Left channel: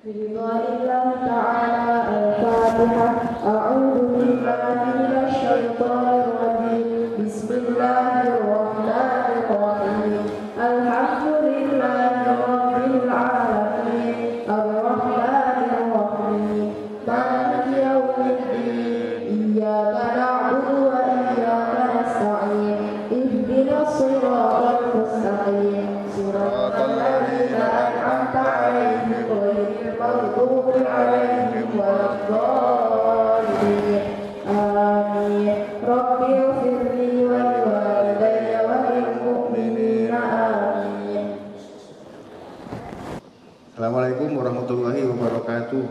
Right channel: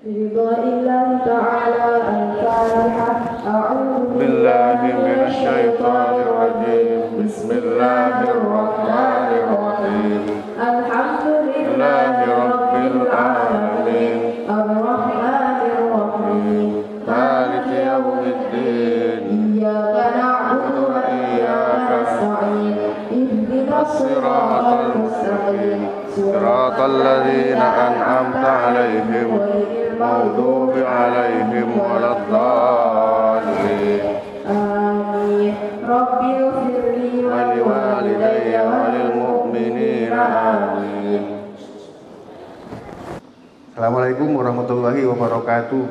برضا الله تعالى. الفاتحة. أعوذ بالله من الشيطان الرجيم. بسم الله الرحمن الرحيم. الحمد لله رب العالمين. الرحمن الرحيم. مالك يوم الدين. إياك نعبد وإياك نستعين. اهدنا الصراط المستقيم. صراط الذين أنعمت عليهم غير المغضوب عليهم ولا الضالين. آمين. رب اغفر لي ولوالدي وللمؤمنين. آمين. Assalamualaikum warahmatullahi wabarakatuh.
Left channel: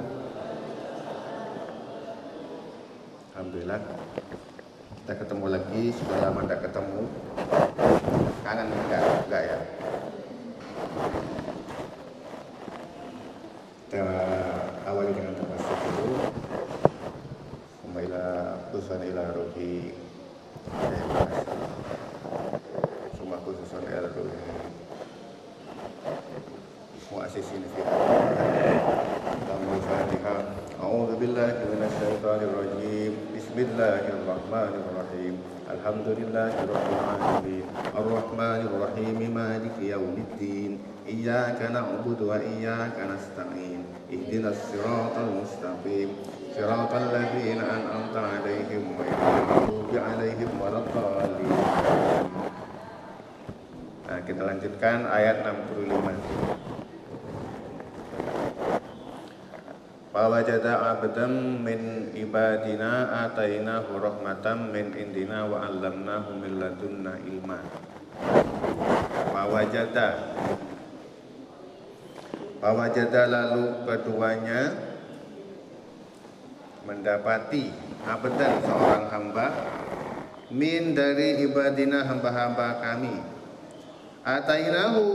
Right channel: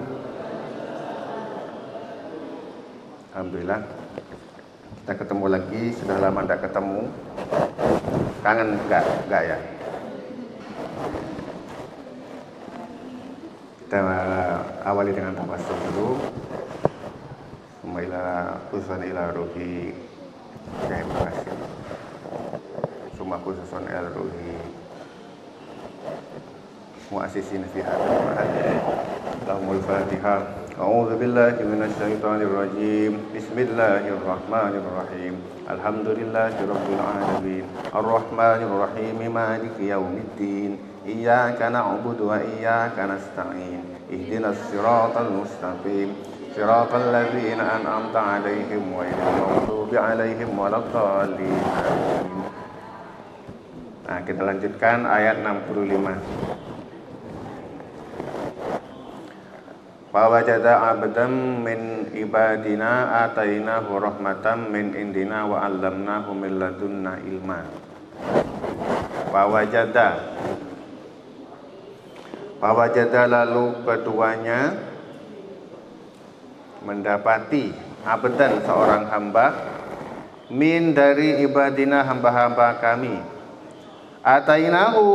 Alhamdulillah kita ketemu lagi, sudah lama tidak ketemu. Kangen enggak ya? Kita awali dengan tawassul dulu. Summa khususan ila ruhi Syekh Ibnu Hasyim. Summa khususan ila ruhi mu'assisin fi hadzal ma'had. Lahumul Fatihah. A'udzu billahi minasy syaithanir rajim. Bismillahirrahmanirrahim. Alhamdulillahirabbil alamin. Arrahmanir rahim. Maliki yaumiddin. Iyyaka na'budu wa iyyaka nasta'in. Ihdinas siratal mustaqim. Siratal ladzina an'amta 'alaihim ghairil maghdubi 'alaihim waladdallin. Amin. Nah, kita lanjutkan ayat 65. Fawajada abdan min ibadina atainahu rahmatan min indina wa 'allamnahu min ladunna ilma. Fawajada lalu keduanya mendapati abdan seorang hamba min dari ibadina hamba-hamba kami. Atainahu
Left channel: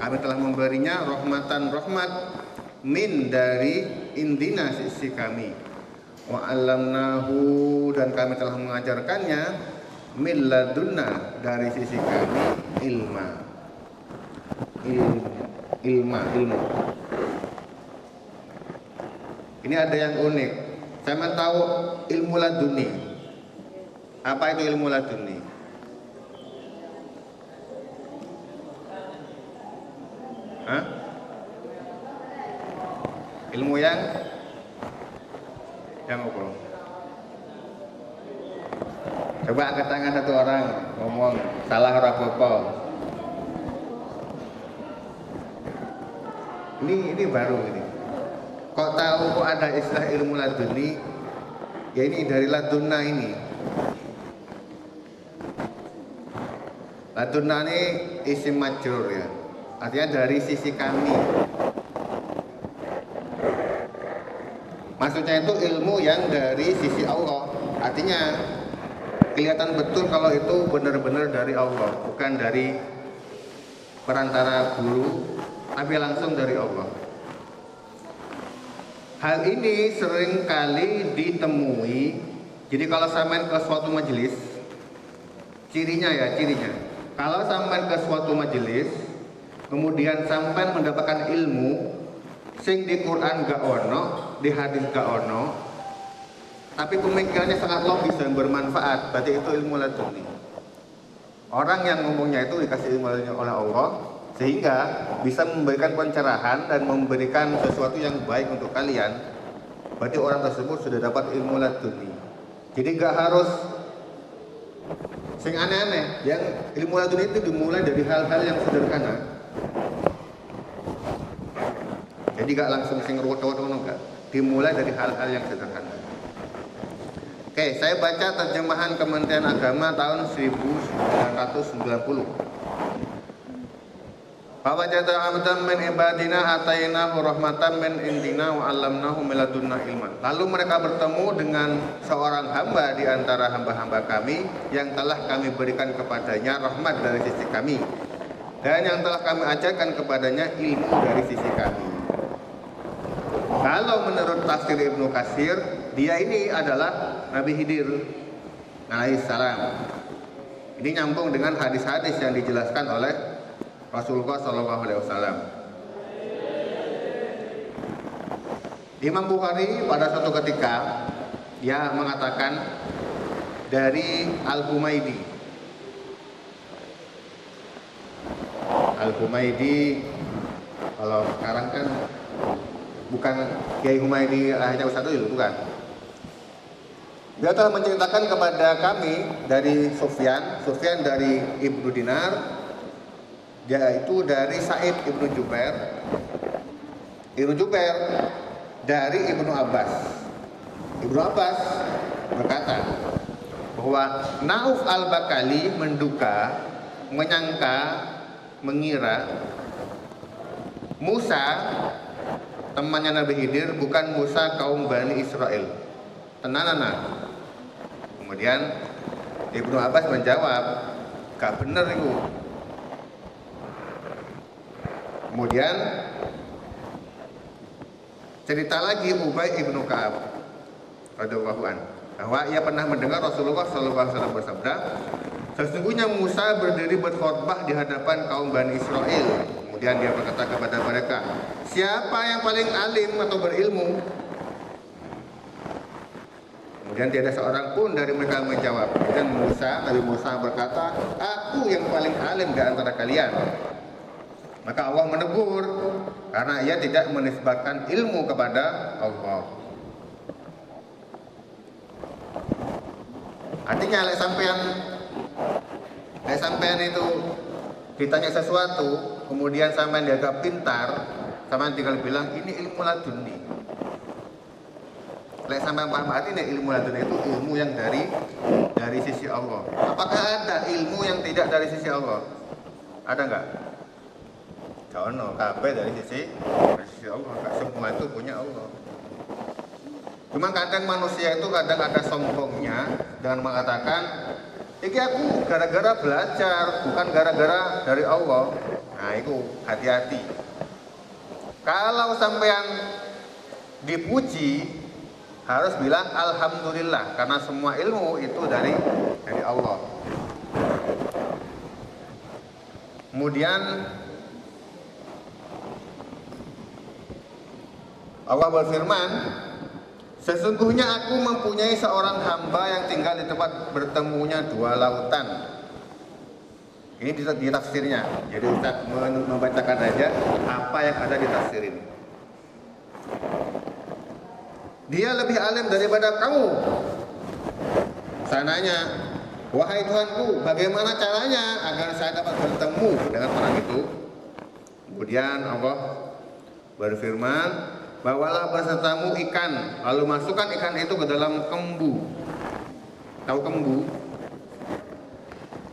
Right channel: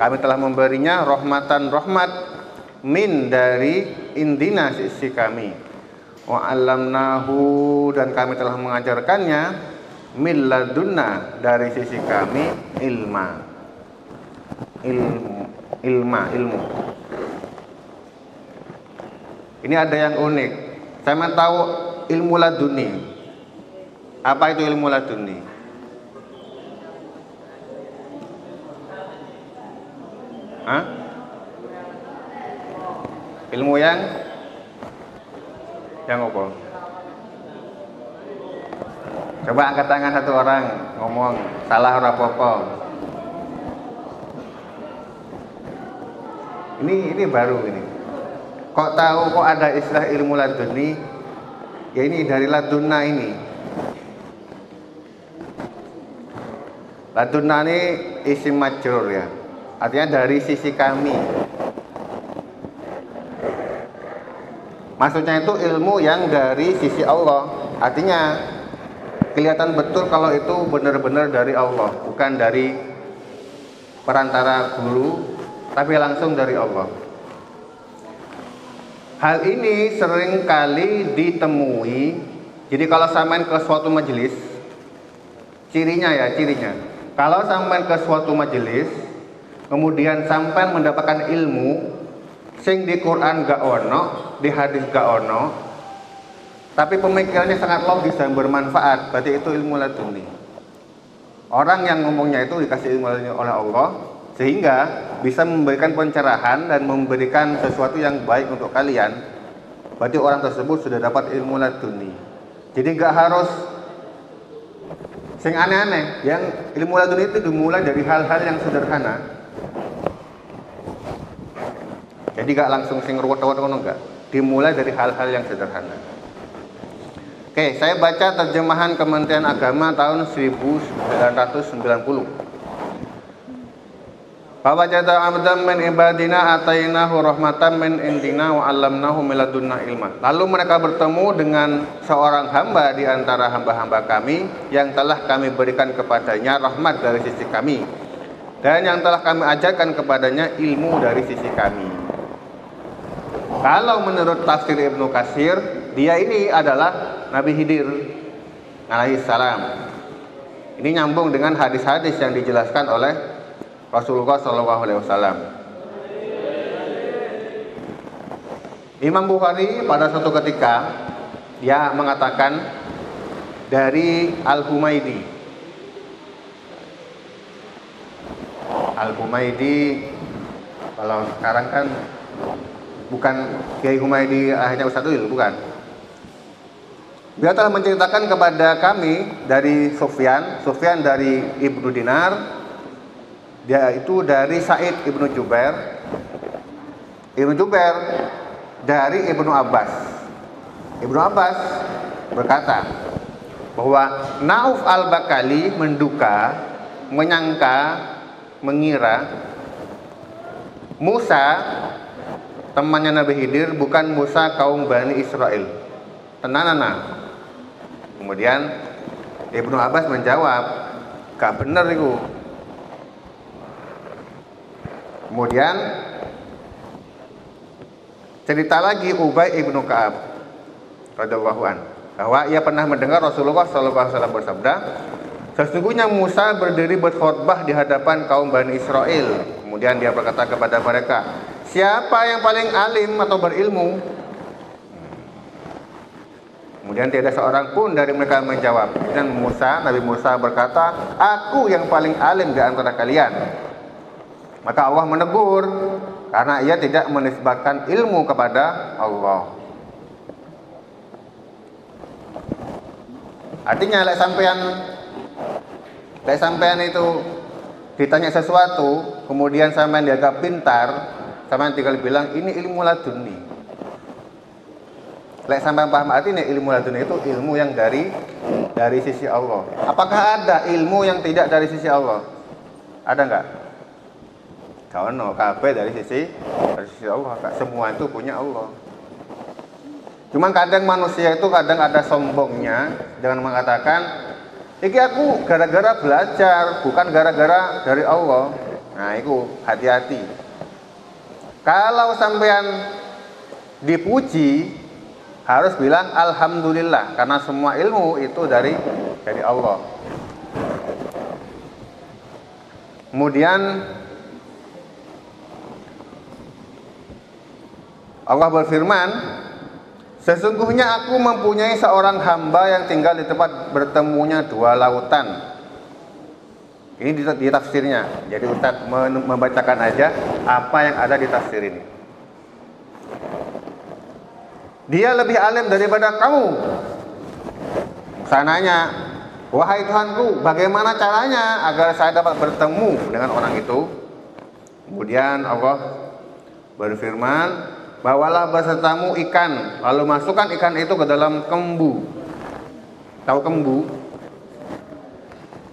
kami telah memberinya rahmatan rahmat min dari indina sisi kami. Wa 'allamnahu dan kami telah mengajarkannya min ladunna dari sisi kami ilmu. Ini ada yang unik. Saya tahu ilmu laduni. Apa itu ilmu laduni? Hah? Ilmu yang apa? Coba angkat tangan satu orang ngomong salah ora apa-apa. Ini baru ini. Kok tahu kok ada istilah ilmu laduni? Ya ini dari ladunna ini. Ladunna ini isim majrur ya. Artinya dari sisi kami. Maksudnya itu ilmu yang dari sisi Allah. Artinya kelihatan betul kalau itu benar-benar dari Allah, bukan dari perantara guru, tapi langsung dari Allah. Hal ini sering kali ditemui. Jadi kalau sampai ke suatu majelis, cirinya. Kalau sampai ke suatu majelis, kemudian sampai mendapatkan ilmu sing di Quran gak ono, di hadis gak ono, tapi pemikirannya sangat logis dan bermanfaat, berarti itu ilmu laduni. Orang yang ngomongnya itu dikasih ilmu laduni oleh Allah, sehingga bisa memberikan pencerahan dan memberikan sesuatu yang baik untuk kalian. Berarti orang tersebut sudah dapat ilmu laduni. Jadi gak harus sing aneh-aneh. Yang ilmu laduni itu dimulai dari hal-hal yang sederhana. Jadi gak langsung sing ruwet-ruwet enggak. Dimulai dari hal-hal yang sederhana. Oke, saya baca terjemahan Kementerian Agama tahun 1990. Fawajada abdan min ibadina atainahu rahmatan min indina wa 'allamnahu min ladunna ilma. Lalu mereka bertemu dengan seorang hamba di antara hamba-hamba kami yang telah kami berikan kepadanya rahmat dari sisi kami dan yang telah kami ajarkan kepadanya ilmu dari sisi kami. Kalau menurut tafsir Ibnu Katsir, dia ini adalah Nabi Khidir alaihissalam. Ini nyambung dengan hadis-hadis yang dijelaskan oleh Rasulullah SAW. Imam Bukhari pada suatu ketika dia mengatakan dari Al-Humaydi. Al-Humaydi kalau sekarang kan bukan Kiai Humaydi akhirnya Ustadz itu, bukan. Dia telah menceritakan kepada kami dari Sufyan dari Ibnu Dinar, dia itu dari Sa'id Ibnu Jubair dari Ibnu Abbas. Ibnu Abbas berkata bahwa Nauf al-Bakali mengira Musa temannya Nabi Khidir bukan Musa kaum Bani Israel. Tenanana. Kemudian Ibnu Abbas menjawab, gak bener itu. Kemudian cerita lagi Ubay ibnu Ka'ab radhiyallahu anhu bahwa ia pernah mendengar Rasulullah SAW bersabda, sesungguhnya Musa berdiri berkhotbah di hadapan kaum Bani Israel. Kemudian dia berkata kepada mereka, siapa yang paling alim atau berilmu? Kemudian tidak seorang pun dari mereka menjawab. Kemudian Nabi Musa berkata, aku yang paling alim di antara kalian. Maka Allah menegur karena ia tidak menisbatkan ilmu kepada Allah. Artinya lek sampean itu ditanya sesuatu, kemudian sampean dianggap pintar, sampean tinggal bilang ini ilmu laduni. Lek sampean paham artinya ilmu laduni itu ilmu yang dari sisi Allah. Apakah ada ilmu yang tidak dari sisi Allah? Ada enggak? Kawan kabeh dari sisi Allah. Semua itu punya Allah. Cuma kadang manusia itu kadang ada sombongnya dengan mengatakan, iki aku gara-gara belajar, bukan gara-gara dari Allah. Nah itu hati-hati. Kalau sampean dipuji, harus bilang alhamdulillah, karena semua ilmu itu dari Allah. Kemudian Allah berfirman, sesungguhnya aku mempunyai seorang hamba yang tinggal di tempat bertemunya dua lautan. Ini di tafsirnya. Jadi Ustaz membacakan aja apa yang ada di tafsir ini. Dia lebih alim daripada kamu. Sananya, wahai Tuhanku, bagaimana caranya agar saya dapat bertemu dengan orang itu? Kemudian Allah berfirman, bawalah besertamu ikan, lalu masukkan ikan itu ke dalam kembu. Tahu kembu?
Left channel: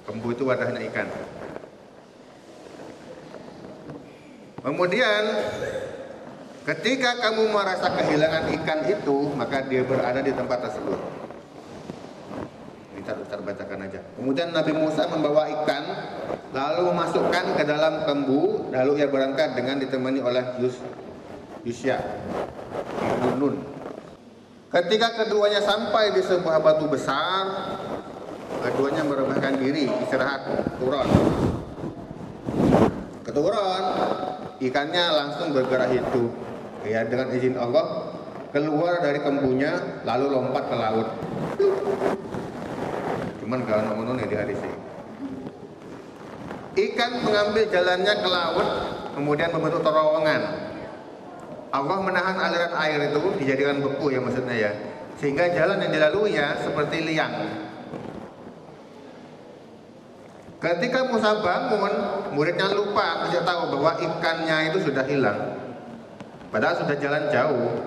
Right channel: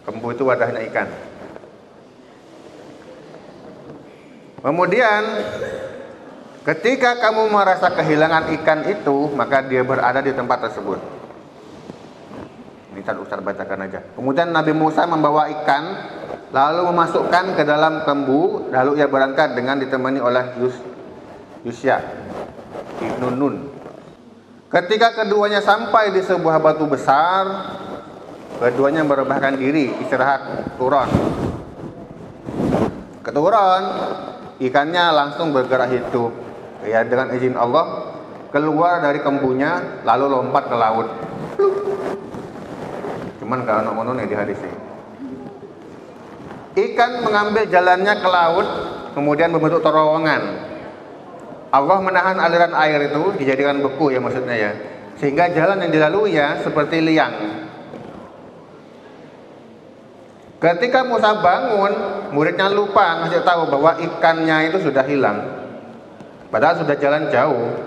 Kembu itu wadahnya ikan. Kemudian ketika kamu merasa kehilangan ikan itu, maka dia berada di tempat tersebut. Ini Ustaz bacakan aja. Kemudian Nabi Musa membawa ikan, lalu memasukkan ke dalam kembu, lalu ia berangkat dengan ditemani oleh Yusya ibnu Nun. Ketika keduanya sampai di sebuah batu besar, keduanya merebahkan diri, istirahat, turun. Keturun, ikannya langsung bergerak hidup. Ya, dengan izin Allah keluar dari kembunya, lalu lompat ke laut. Cuman gak ono nih di hadis ini. Ikan mengambil jalannya ke laut, kemudian membentuk terowongan. Allah menahan aliran air itu, dijadikan beku ya maksudnya ya, sehingga jalan yang dilalui ya seperti liang. Ketika Musa bangun, muridnya lupa ngasih tahu bahwa ikannya itu sudah hilang, padahal sudah jalan jauh.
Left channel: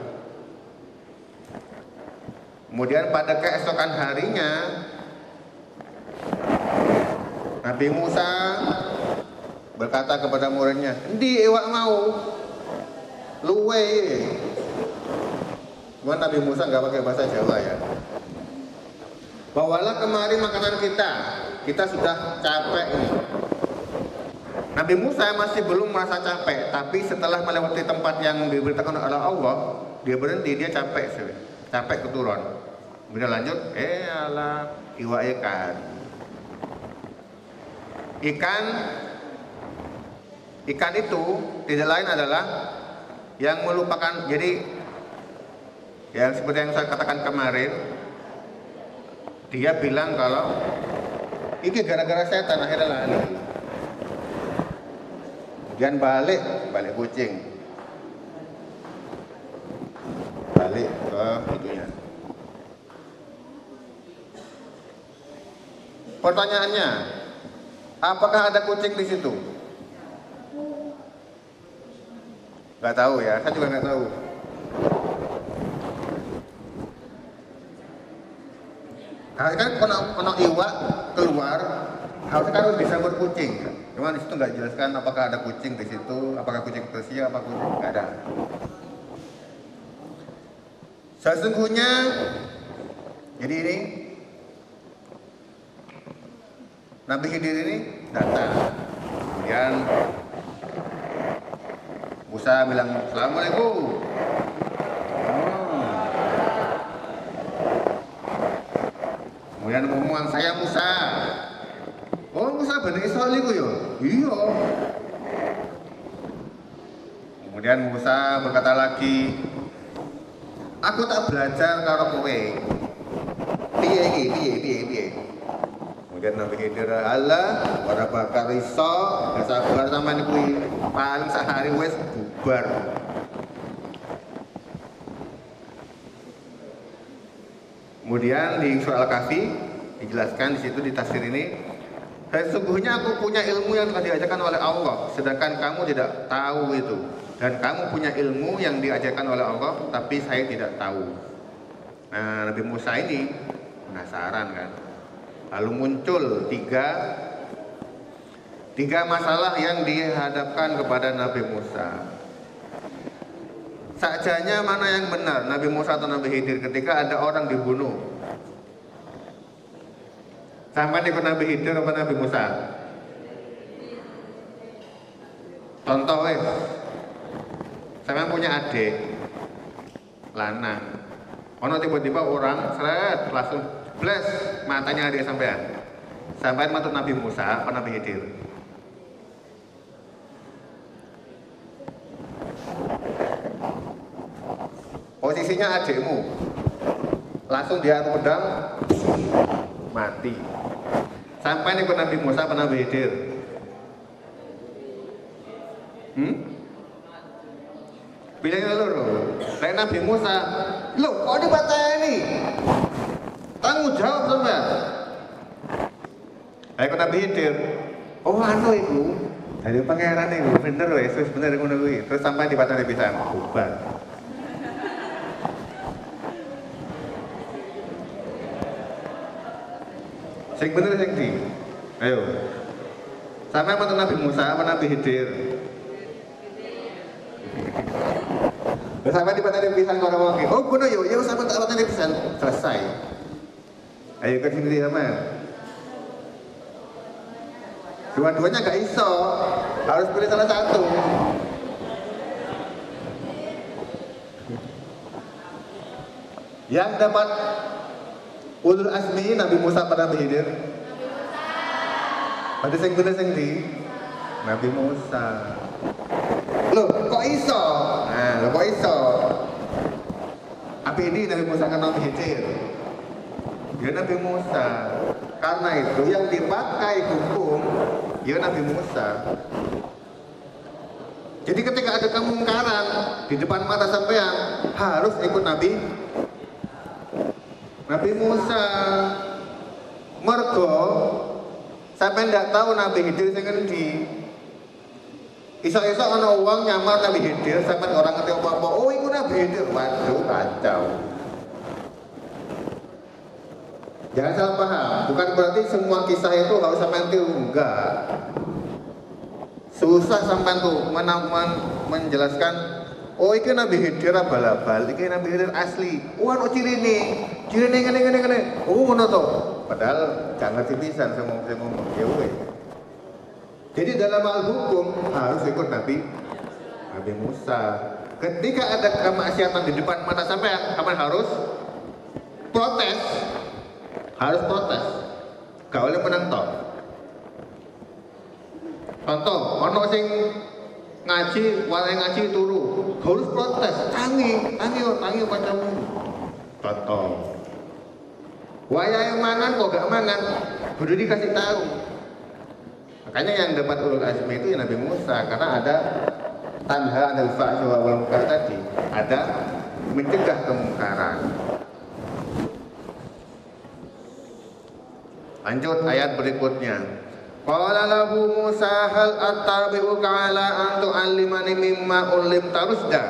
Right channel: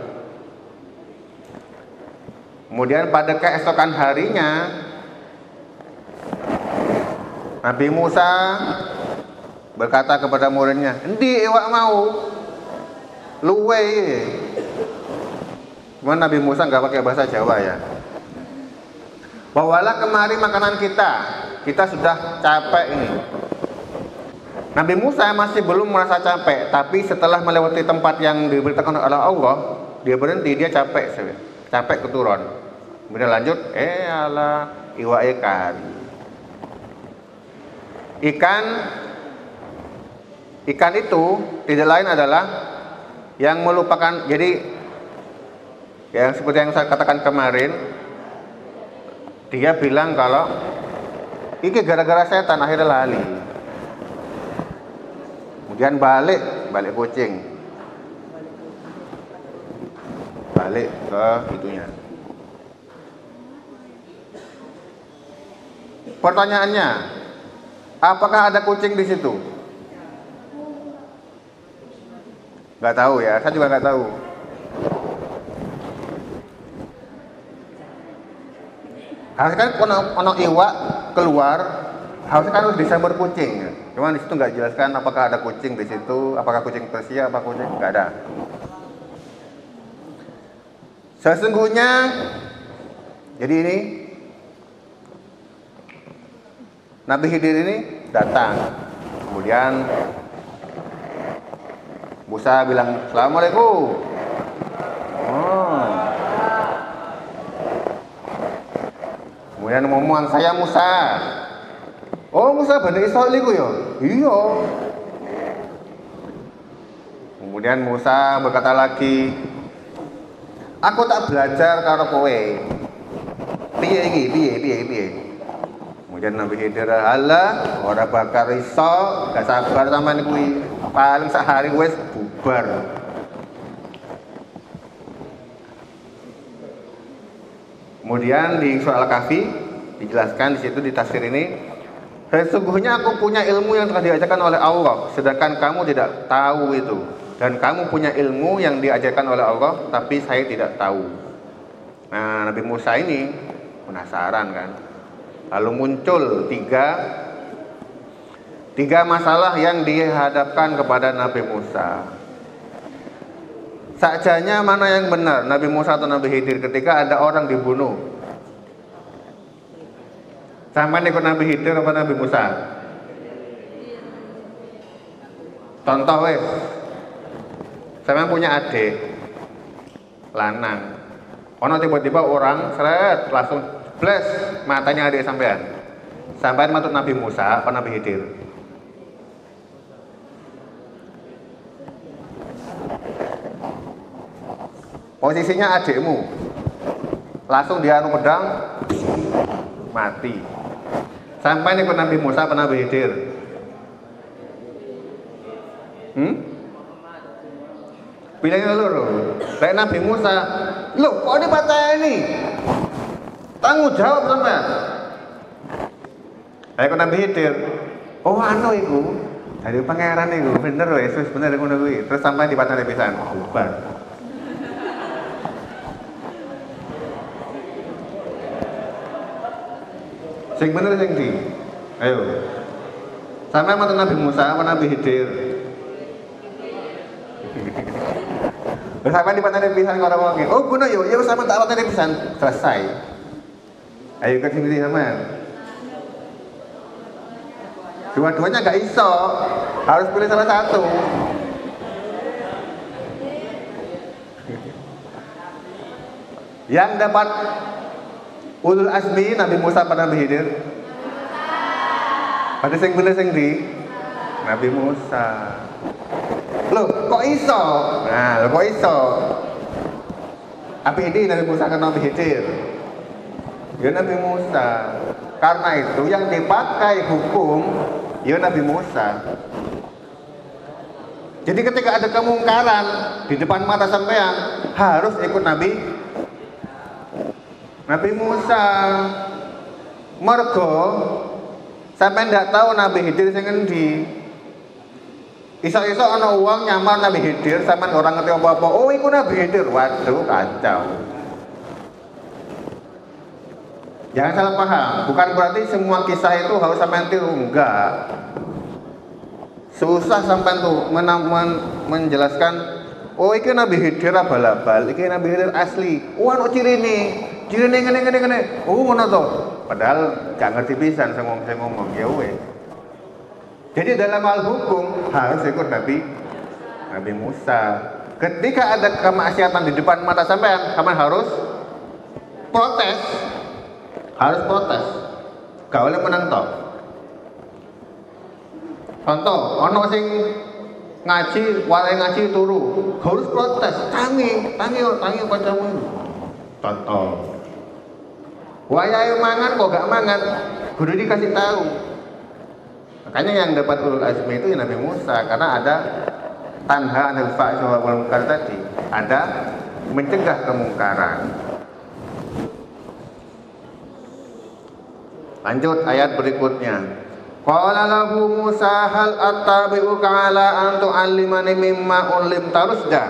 Kemudian pada keesokan harinya, Nabi Musa berkata kepada muridnya, "Endi iwak mau?" Luwe. Cuman Nabi Musa nggak pakai bahasa Jawa ya. Bawalah kemari makanan kita. Kita sudah capek ini. Nabi Musa masih belum merasa capek, tapi setelah melewati tempat yang diberitakan oleh Allah, dia berhenti, dia capek sudah. Capek keturun. Kemudian lanjut, ala iwa ikan. Ikan itu tidak lain adalah yang melupakan, jadi Yang seperti yang saya katakan kemarin, dia bilang kalau ini gara-gara setan akhirnya lali. Kemudian balik kucing. Balik ke itunya. Pertanyaannya, apakah ada kucing di situ? Gak tahu ya, saya juga gak tahu. Harusnya kan ono iwak keluar, harusnya kan harus Desember kucing. Cuman di situ nggak jelaskan apakah ada kucing di situ, apakah kucing Persia, apa kucing nggak ada. Sesungguhnya, jadi ini Nabi Khidir ini datang, kemudian Musa bilang Assalamualaikum. Kemudian ngomong saya Musa. Oh Musa Bani Israil iku ya? Iya. Kemudian Musa berkata lagi, aku tak belajar karo kowe. Piye iki? Piye? Kemudian Nabi Khidir, "Alah, ora bakal iso, gak sabar sampean kuwi. Paling sehari wis bubar." Kemudian di surah Al-Kahfi dijelaskan di situ di tafsir ini, sesungguhnya aku punya ilmu yang telah diajarkan oleh Allah, sedangkan kamu tidak tahu itu. Dan kamu punya ilmu yang diajarkan oleh Allah, tapi saya tidak tahu. Nah, Nabi Musa ini penasaran kan. Lalu muncul tiga masalah yang dihadapkan kepada Nabi Musa. Sakjanya mana yang benar, Nabi Musa atau Nabi Khidir ketika ada orang dibunuh? Sama ikut Nabi Khidir apa Nabi Musa? Contoh wes, saya punya adik lanang, ono tiba-tiba orang seret langsung flash matanya adik sampai matut Nabi Musa apa Nabi Khidir? Posisinya adikmu langsung dianu pedang mati. Sampai nih ke Nabi Musa atau Nabi Khidir? Pilihnya loh. Kayak Nabi Musa, loh kok dipateni? Tanggung jawab sama. Kayak Nabi Khidir, oh anu iku dari pangeran itu bener loh Yesus bener ngono kuwi. Terus sampai dipateni pisan, bubar. Sing bener sing di. Ayo. Sampai mata Nabi Musa sama Nabi Khidir. Terus sampai di patane pisan karo wong. Oh, ngono yo, ya sampe tak patane pisan selesai. Ayo ke sini sama. Dua-duanya gak iso. Harus pilih salah satu. Yang dapat ulul azmi Nabi Musa pada Nabi Khidir. Ada sing bener sing di Nabi Musa. Loh, kok iso? Nah, kok iso? Apa ini Nabi Musa ke Nabi Khidir? Ya Nabi Musa. Karena itu yang dipakai hukum ya Nabi Musa. Jadi ketika ada kemungkaran di depan mata sampean harus ikut Nabi Musa. Mergo sampai ndak tahu Nabi Khidir sing endi. Iso-iso ana wong nyamar Nabi Khidir sampean orang ngerti apa-apa. Oh, iku Nabi Khidir. Waduh, kacau. Jangan salah paham, bukan berarti semua kisah itu harus sampean tiru, enggak. Susah sampean tuh menjelaskan, oh iki Nabi Khidir abal-abal, iki Nabi Khidir asli. Oh, ono cirine ngene. Oh, ngono to. Padahal gak ngerti pisan sing ngomong ya weh. Jadi dalam hal hukum harus ikut Nabi Musa. Ketika ada kemaksiatan di depan mata sampean harus protes. Gak boleh menentang. Contoh, ono sing ngaji turu, harus protes. Tangi kancamu. contoh. Wayahe mangan kok gak mangan, kudu dikasih tahu. Makanya yang dapat ulul azmi itu Nabi Musa, karena ada tanha 'anil fahsya'i wal munkar tadi, ada mencegah kemungkaran. Lanjut ayat berikutnya. Qala lahu Musa hal attabi'uka 'ala an tu'allimani mimma ulimta rusda.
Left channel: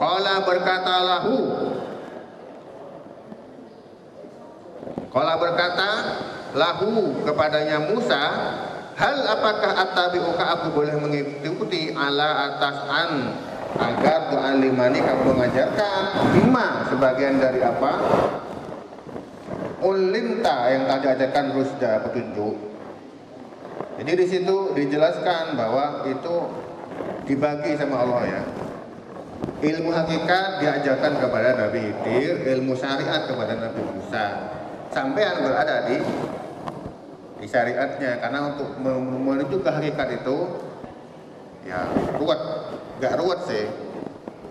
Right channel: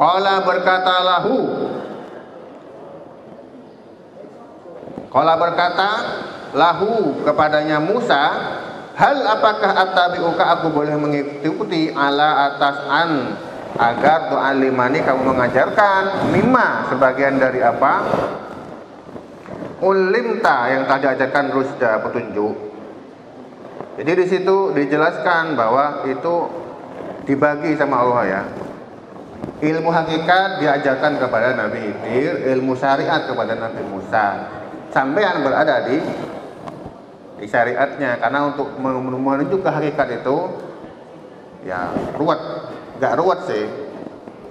Qala berkata lahu kepadanya Musa, hal apakah attabi'uka aku boleh mengikuti ala atas an agar tu'allimani kamu mengajarkan mimma sebagian dari apa ulimta yang tadi ajarkan rusda petunjuk. Jadi di situ dijelaskan bahwa itu dibagi sama Allah ya. Ilmu hakikat diajarkan kepada Nabi Khidir, ilmu syariat kepada Nabi Musa. Sampai yang berada di syariatnya, karena untuk menuju ke hakikat itu ya ruwet, gak ruwet sih.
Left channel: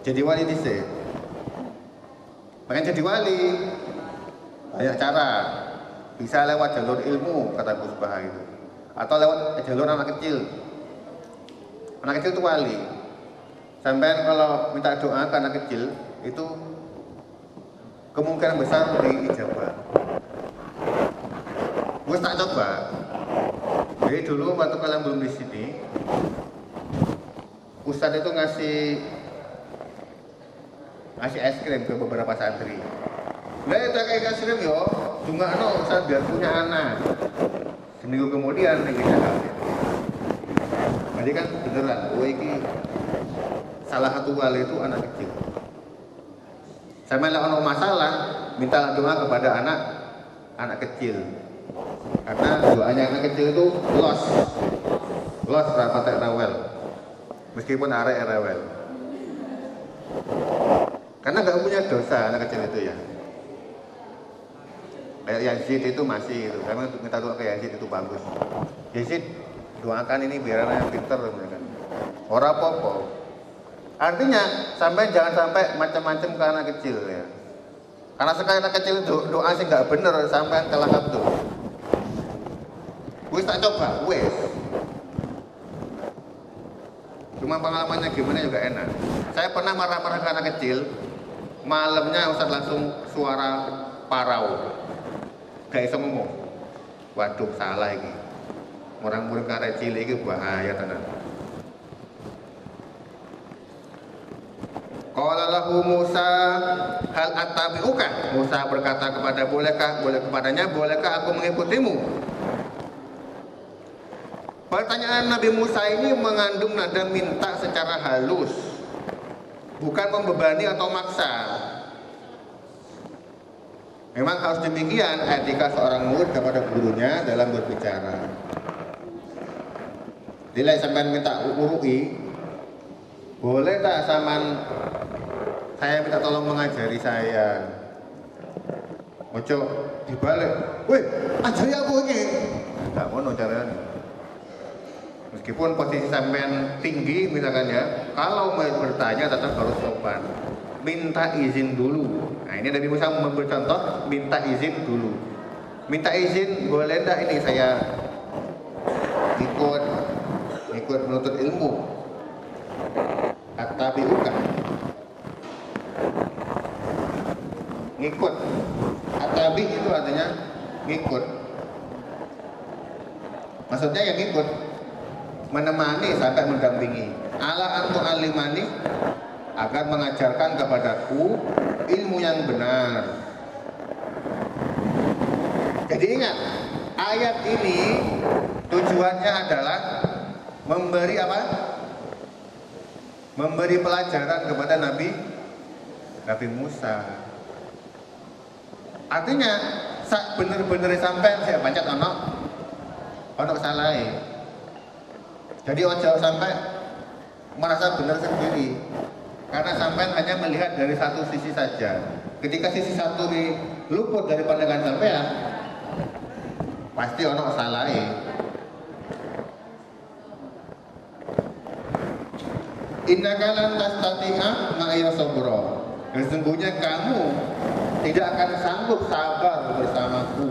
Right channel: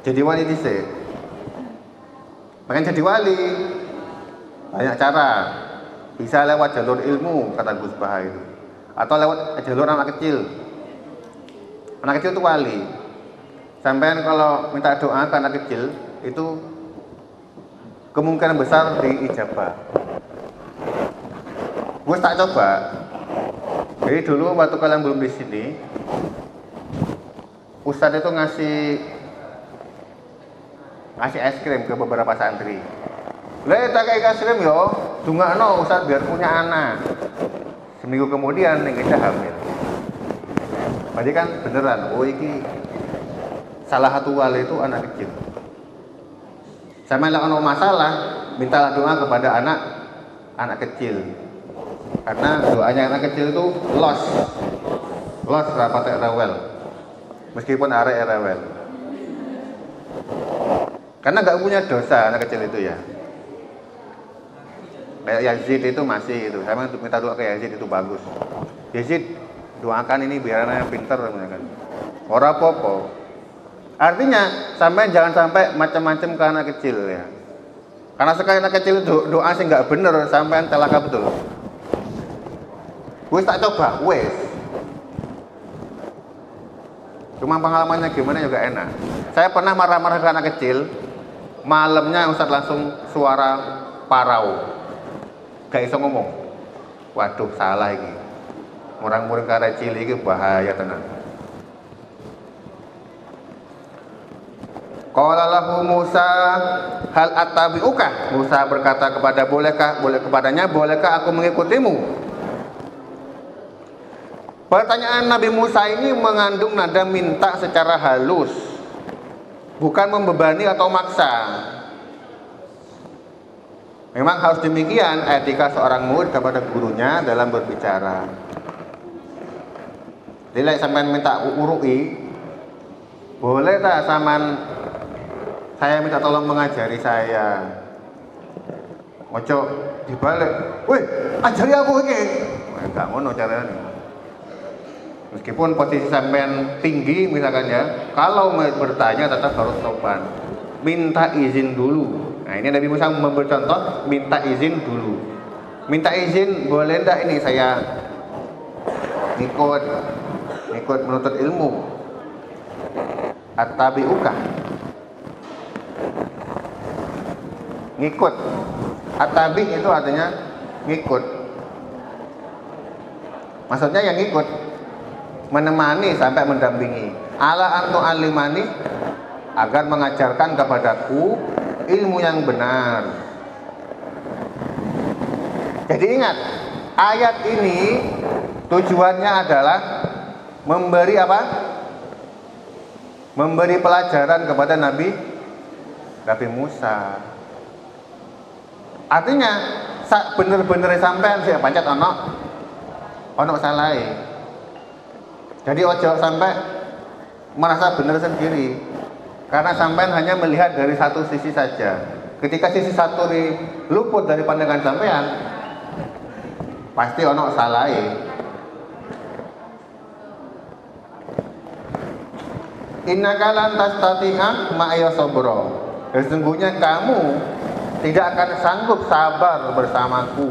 Jadi wali sih. Pengen jadi wali banyak cara. Bisa lewat jalur ilmu kata Gus Bahai, atau lewat jalur anak kecil. Anak kecil itu wali. Sampai kalau minta doa ke anak kecil itu kemungkinan besar diijabah. Gue tak coba. Jadi dulu waktu kalian belum di sini, Ustadz itu ngasih es krim ke beberapa santri. Boleh tak kayak es krim yo, dungakno Ustadz biar punya anak. Seminggu kemudian nih kita hamil. Tadi kan beneran, oh ini salah satu wali itu anak kecil. Sama kalau masalah, minta doa kepada anak kecil. Karena doanya anak kecil itu los rapat rewel, meskipun arek rewel. Karena nggak punya dosa anak kecil itu ya. Kayak Yazid itu masih itu, sama untuk minta doa ke Yazid itu bagus. Yazid doakan ini biar anaknya pinter, orang popo. Artinya sampai jangan sampai macam-macam ke anak kecil ya. Karena sekali anak kecil doa sih nggak bener sampai celaka betul. Wes tak coba, wes. Cuma pengalamannya gimana juga enak. Saya pernah marah-marah ke anak kecil, malamnya Ustaz langsung suara parau, gak bisa ngomong. Waduh salah ini. Orang murid karena cilik ini bahaya tenang. Qala lahu Musa hal attabi'uka. Musa berkata bolehkah aku mengikutimu? Pertanyaan Nabi Musa ini mengandung nada minta secara halus, bukan membebani atau maksa. Memang harus demikian etika seorang murid kepada gurunya dalam berbicara. Jadi sampean minta urui, boleh tak sampean saya minta tolong mengajari saya. Ojo dibalik, wih ajari aku ini. Gak ngono caranya. Meskipun posisi sampean tinggi misalkan ya, kalau mau bertanya tetap harus sopan. Minta izin dulu. Nah ini Nabi Musa memberi contoh, minta izin dulu. Minta izin boleh enggak ini saya ikut menuntut ilmu. Attabi'uka. Ngikut. Attabi itu artinya ngikut. Maksudnya yang ngikut, menemani sampai mendampingi. Ala antu alimani, agar mengajarkan kepadaku ilmu yang benar. Jadi ingat, ayat ini tujuannya adalah memberi apa? Memberi pelajaran kepada Nabi Musa. Artinya bener-bener sampean saya pancet ono salah. Jadi ojo sampai merasa benar sendiri, karena sampean hanya melihat dari satu sisi saja. Ketika sisi satu luput dari pandangan sampean, pasti ono salah. Innaka lan tastati'a ma'a sabra. Sesungguhnya kamu tidak akan sanggup sabar bersamaku.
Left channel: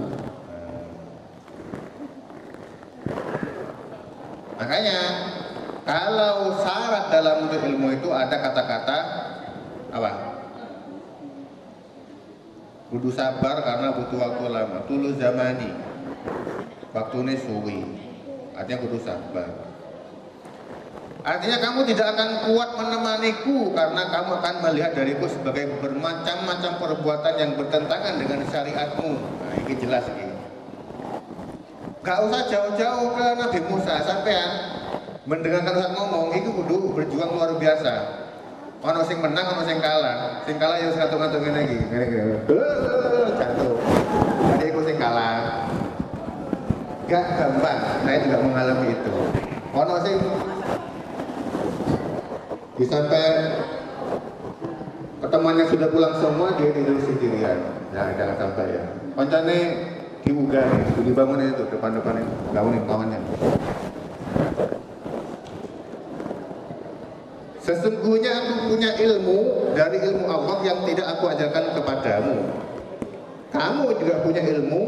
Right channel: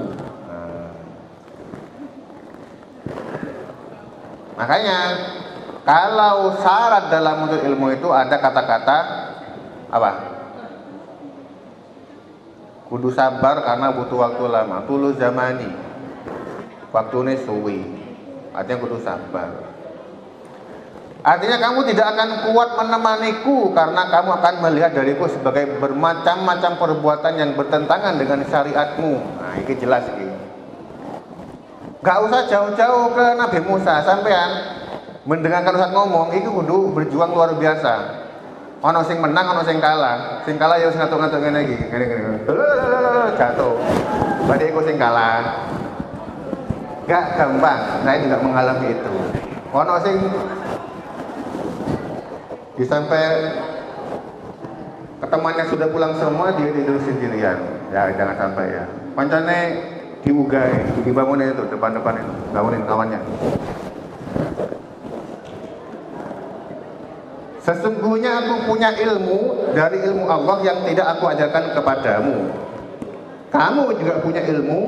Makanya kalau syarat dalam menuntut ilmu itu ada kata-kata apa? Kudu sabar karena butuh waktu lama. Tulus zamani, waktunya suwi. Artinya kudu sabar. Artinya kamu tidak akan kuat menemaniku karena kamu akan melihat dariku sebagai bermacam-macam perbuatan yang bertentangan dengan syariatmu. Nah, ini jelas ini. Gak usah jauh-jauh ke Nabi Musa, sampean mendengarkan Ustaz ngomong itu kudu berjuang luar biasa. Ono sing menang, ono sing kalah. Sing kalah ya sing ngatur-ngatur ngene iki, ngene-ngene. Jatuh. Berarti iku sing kalah. Gak gampang, saya juga mengalami itu. Ono sing sampai temannya sudah pulang semua, dia tidur sendirian. Ya jangan sampai ya. Pancane diugah, dibangunin itu depan-depan itu, bangunin kawannya. Sesungguhnya aku punya ilmu dari ilmu Allah yang tidak aku ajarkan kepadamu. Kamu juga punya ilmu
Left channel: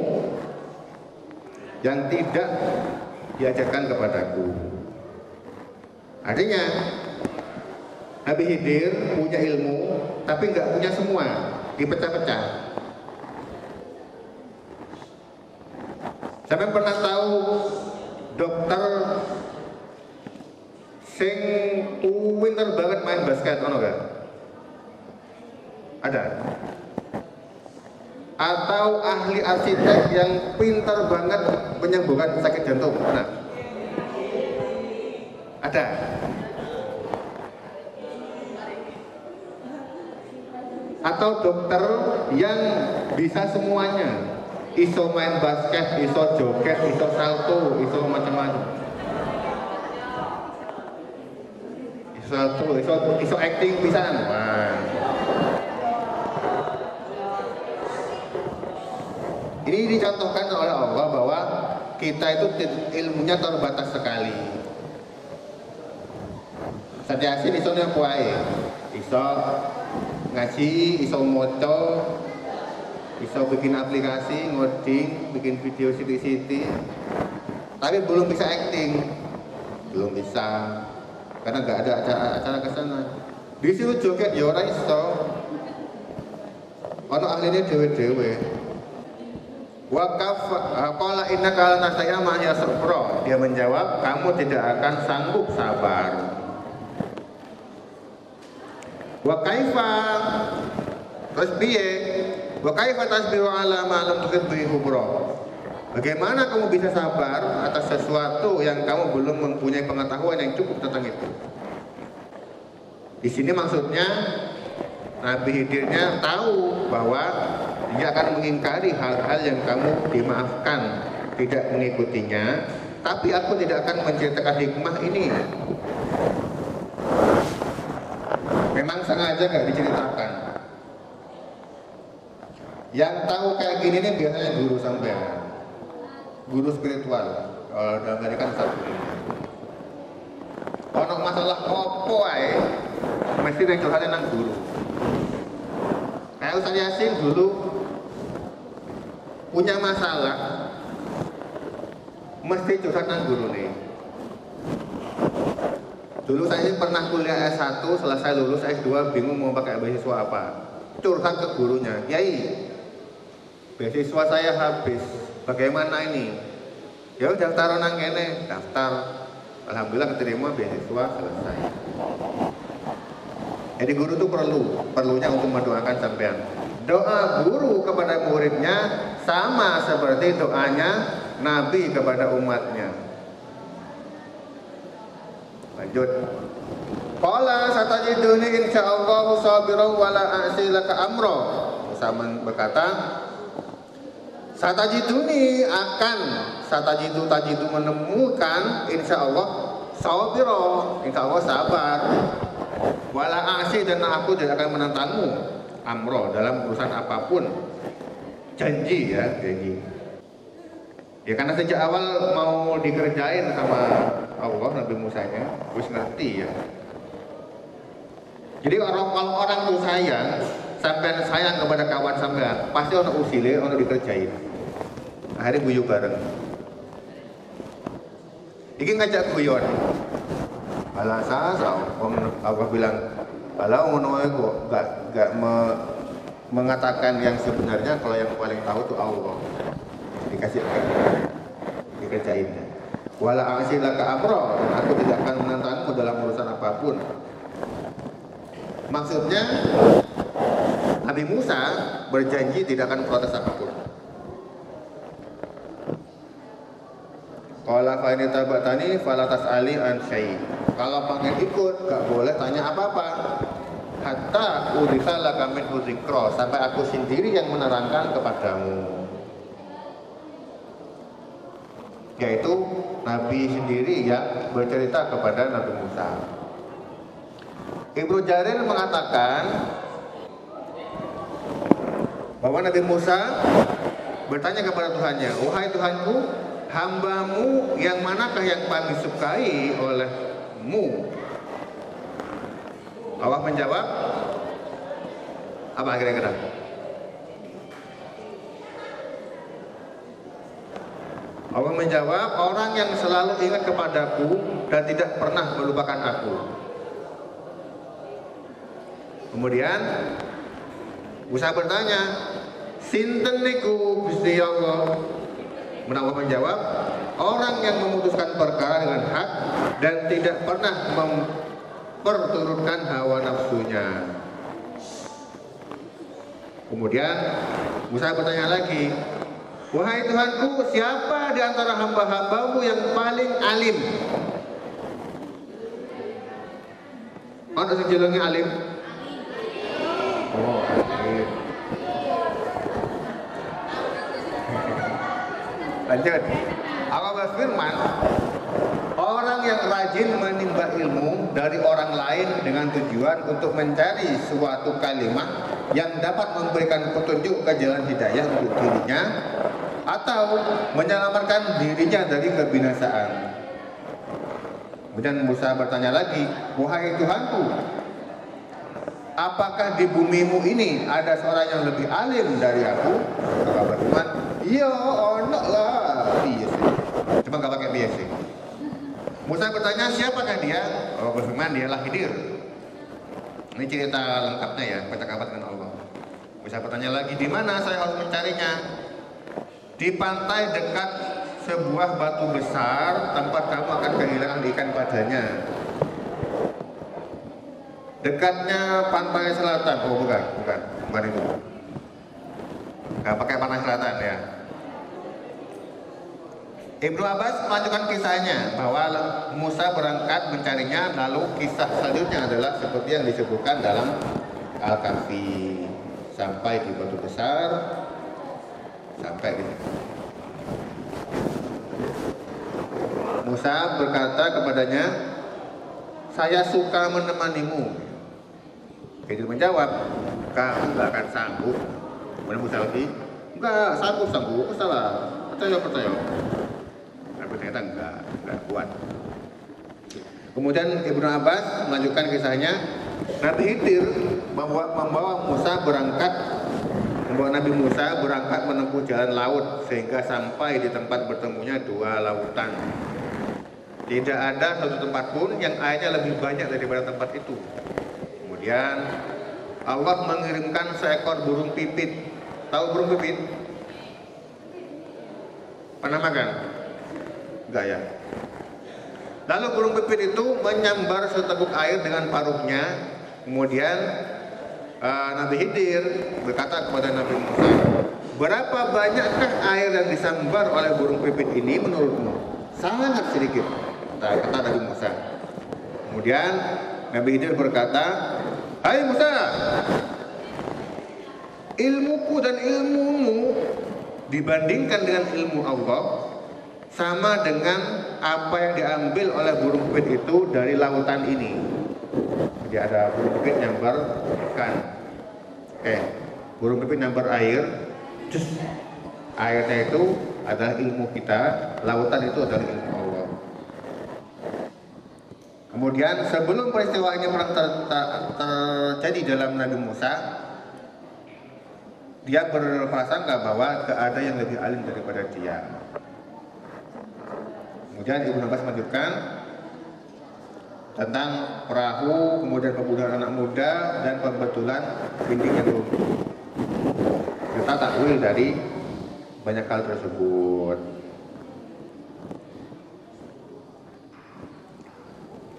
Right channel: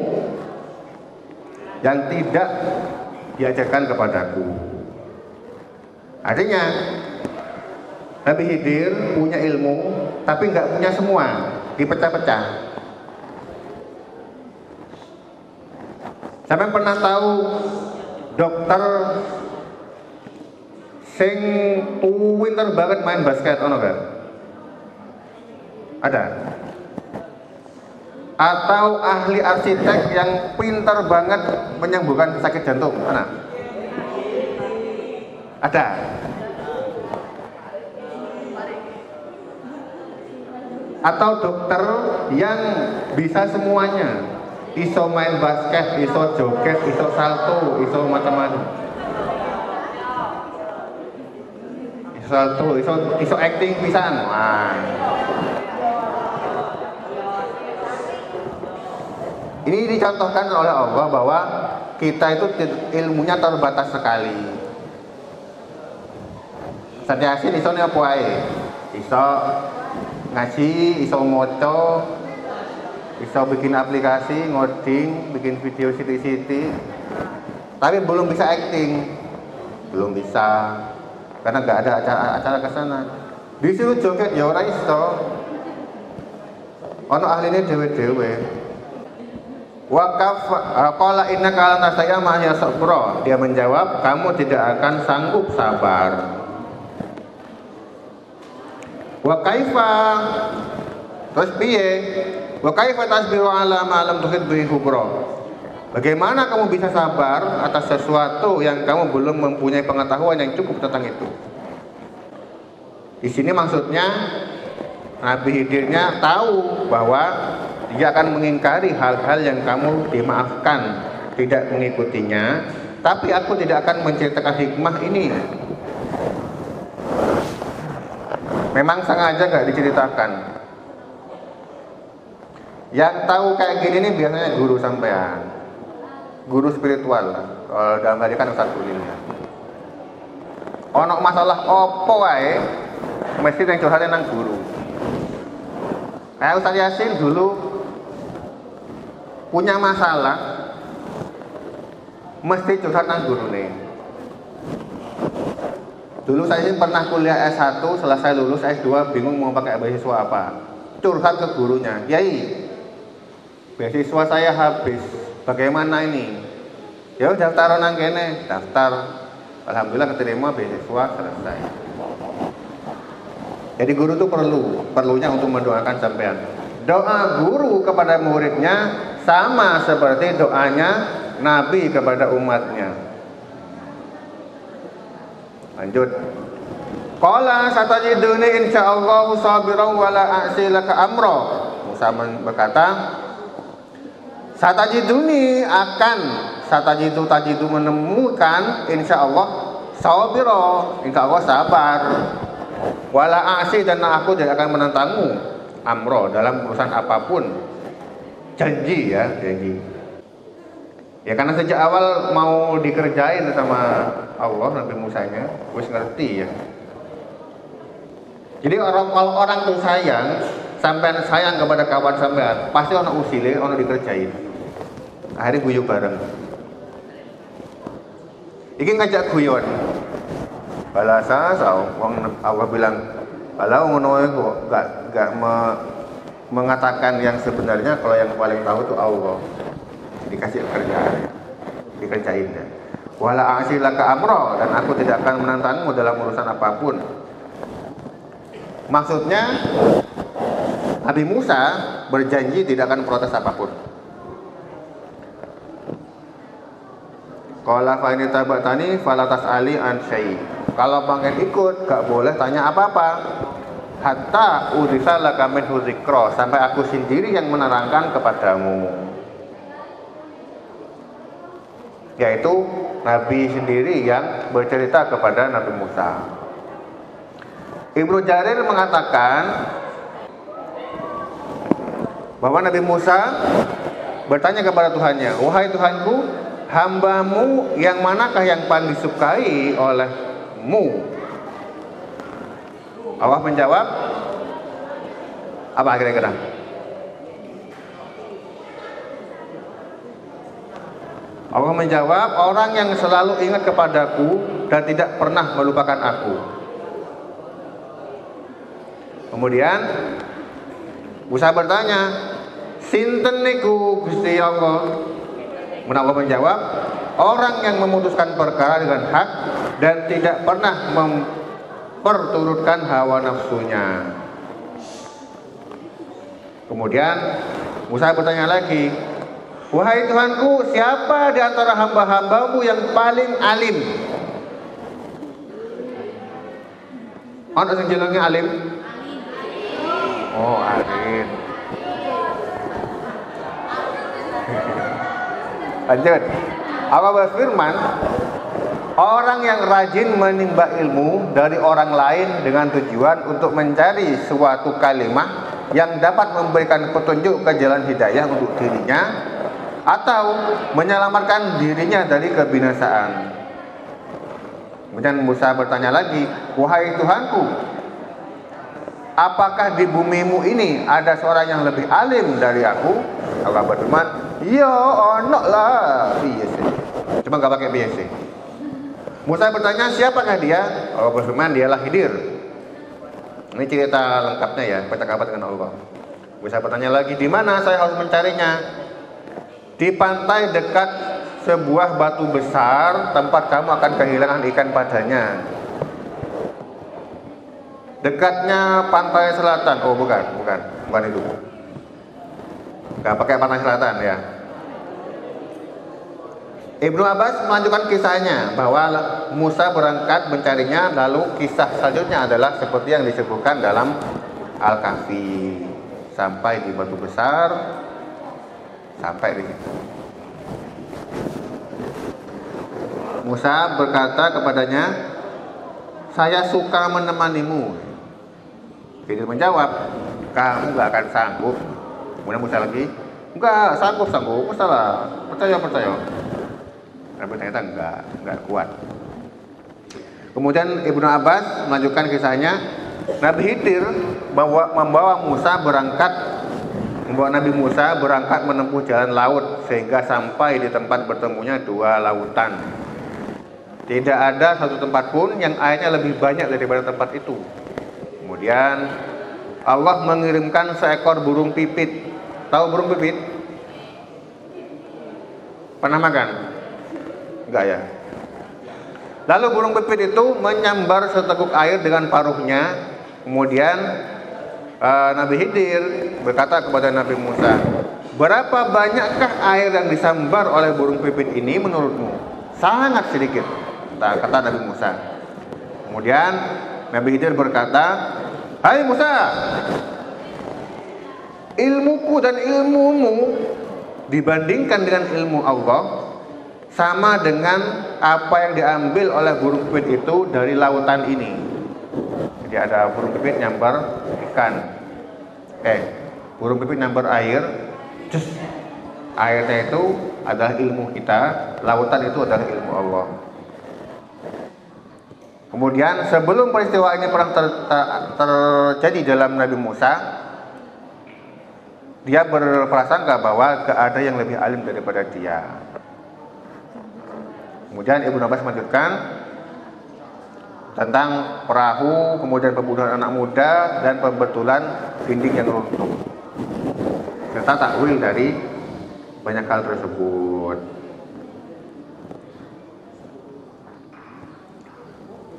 yang tidak diajarkan kepadaku. Artinya Nabi Khidir punya ilmu tapi nggak punya semua, dipecah-pecah. Sampai pernah tahu dokter sing pinter banget main basket, ono gak? Ada? Atau ahli arsitek yang pinter banget menyembuhkan sakit jantung, ada? Ada? Atau dokter yang bisa semuanya, iso main basket, iso joget, iso salto, iso macam-macam, iso acting pisan. Wah. Ini dicontohkan oleh Allah bahwa kita itu ilmunya terbatas sekali. Satiasin iso apa ae? Iso ngaji, iso moco, iso bikin aplikasi, ngoding, bikin video siti-siti, tapi belum bisa acting, belum bisa, karena nggak ada acara ke sana. Disuruh joget ya orang iso, ono ahlinya dewe-dewe. Wakaf qala innaka lan tasaya ma'ya sabra. Dia menjawab, kamu tidak akan sanggup sabar. Wa kaifa, terus piye? Wa kaifa tasbiru ala ma lam tuhid bihi kubra. Bagaimana kamu bisa sabar atas sesuatu yang kamu belum mempunyai pengetahuan yang cukup tentang itu? Di sini maksudnya Nabi Khidirnya tahu bahwa dia akan mengingkari hal-hal yang kamu dimaafkan, tidak mengikutinya, tapi aku tidak akan menceritakan hikmah ini. Memang sengaja gak diceritakan. Yang tahu kayak gini nih biasanya guru sampean, guru spiritual. Dalam hal ini kan Ustaz Ulil. Ono masalah opo wae mesti yang curhatnya nang guru. Kayak Ustaz Yasin dulu punya masalah, mesti curhat nang guru nih. Dulu saya pernah kuliah S1, selesai lulus S2 bingung mau pakai beasiswa apa. Curhat ke gurunya, "Kiai, beasiswa saya habis. Bagaimana ini?" Ya udah daftaran nang kene, daftar. Alhamdulillah keterima beasiswa, selesai. Jadi guru itu perlunya untuk mendoakan sampean. Doa guru kepada muridnya sama seperti doanya Nabi kepada umatnya. Lanjut. Qala satajiduni insyaallah sabiran wala a'silaka amra. Musa berkata, satajiduni akan tajidu menemukan insyaallah sabira, insyaallah sabar. Wala a'si, dan aku tidak akan menentangmu amro dalam urusan apapun. Janji ya, janji. Ya karena sejak awal mau dikerjain sama Allah Nabi Musanya, wis ngerti ya. Jadi kalau orang tuh sayang sampai sayang kepada kawan sampean, pasti ono usile, ono dikerjain. Akhirnya guyu bareng. Iki ngajak guyon. Balasa wong Allah bilang, kalau ngono kok gak mengatakan yang sebenarnya, kalau yang paling tahu itu Allah. Dikasih kerjaan, dikerjain kan. Wala asilaka amro, dan aku tidak akan menantangmu dalam urusan apapun. Maksudnya Nabi Musa berjanji tidak akan protes apapun. Qala fa in tabatani fala tas'ali an syai'. Kalau pengen ikut gak boleh tanya apa-apa. Hatta urisa laka minhu dzikra, sampai aku sendiri yang menerangkan kepadamu. Yaitu Nabi sendiri yang bercerita kepada Nabi Musa. Ibnu Jarir mengatakan bahwa Nabi Musa bertanya kepada Tuhannya, wahai Tuhanku, hambamu yang manakah yang paling disukai olehmu? Allah menjawab, apa kira-kira? Allah menjawab, orang yang selalu ingat kepadaku dan tidak pernah melupakan aku. Kemudian Musa bertanya, sinten niku Gusti Allah? Allah menjawab, orang yang memutuskan perkara dengan hak dan tidak pernah memperturutkan hawa nafsunya. Kemudian Musa bertanya lagi, wahai Tuhanku, siapa di antara hamba-hambamu yang paling alim? Ada sejujurnya alim? Oh, alim. Lanjut. Allah berfirman, orang yang rajin menimba ilmu dari orang lain dengan tujuan untuk mencari suatu kalimat yang dapat memberikan petunjuk ke jalan hidayah untuk dirinya atau menyelamatkan dirinya dari kebinasaan. Kemudian Musa bertanya lagi, wahai Tuhanku, apakah di bumimu ini ada seorang yang lebih alim dari aku? Allah berfirman, ya ono lah. Iya sih. Cuma gak pakai dia sih. Musa bertanya, siapakah dia? Allah berfirman, dialah Khidir. Ini cerita lengkapnya ya, percakapan dengan Allah. Musa bertanya lagi, di mana saya harus mencarinya? Di pantai dekat sebuah batu besar, tempat kamu akan kehilangan ikan padanya. Dekatnya pantai selatan. Oh bukan itu. Gak pakai pantai selatan ya. Ibnu Abbas melanjutkan kisahnya bahwa Musa berangkat mencarinya, lalu kisah selanjutnya adalah seperti yang disebutkan dalam Al-Kahfi. Sampai di batu besar, sampai di situ. Musa berkata kepadanya, saya suka menemanimu. Khidir menjawab, kamu gak akan sanggup. Kemudian Musa lagi, enggak, sanggup, salah, percaya. Tapi ternyata enggak kuat. Kemudian Ibnu Abbas melanjutkan kisahnya, Nabi Khidir membawa Nabi Musa berangkat menempuh jalan laut sehingga sampai di tempat bertemunya dua lautan. Tidak ada satu tempat pun yang airnya lebih banyak daripada tempat itu. Kemudian Allah mengirimkan seekor burung pipit. Tahu burung pipit? Pernah makan? Enggak ya? Lalu burung pipit itu menyambar seteguk air dengan paruhnya. Kemudian Nabi Khidir berkata kepada Nabi Musa, berapa banyakkah air yang disambar oleh burung pipit ini menurutmu? Sangat sedikit, kata Nabi Musa. Kemudian Nabi Khidir berkata, hai Musa, ilmuku dan ilmumu dibandingkan dengan ilmu Allah sama dengan apa yang diambil oleh burung pipit itu dari lautan ini. Jadi ada burung pipit nyambar ikan, burung pipit nyambar air, terus airnya itu adalah ilmu kita, lautan itu adalah ilmu Allah. Kemudian sebelum peristiwa ini pernah terjadi dalam Nabi Musa, dia berprasangka bahwa gak ada yang lebih alim daripada dia. Kemudian Ibnu Abbas melanjutkan tentang perahu, kemudian pembunuhan anak muda, dan pembetulan dinding yang runtuh, serta takwil dari banyak hal tersebut.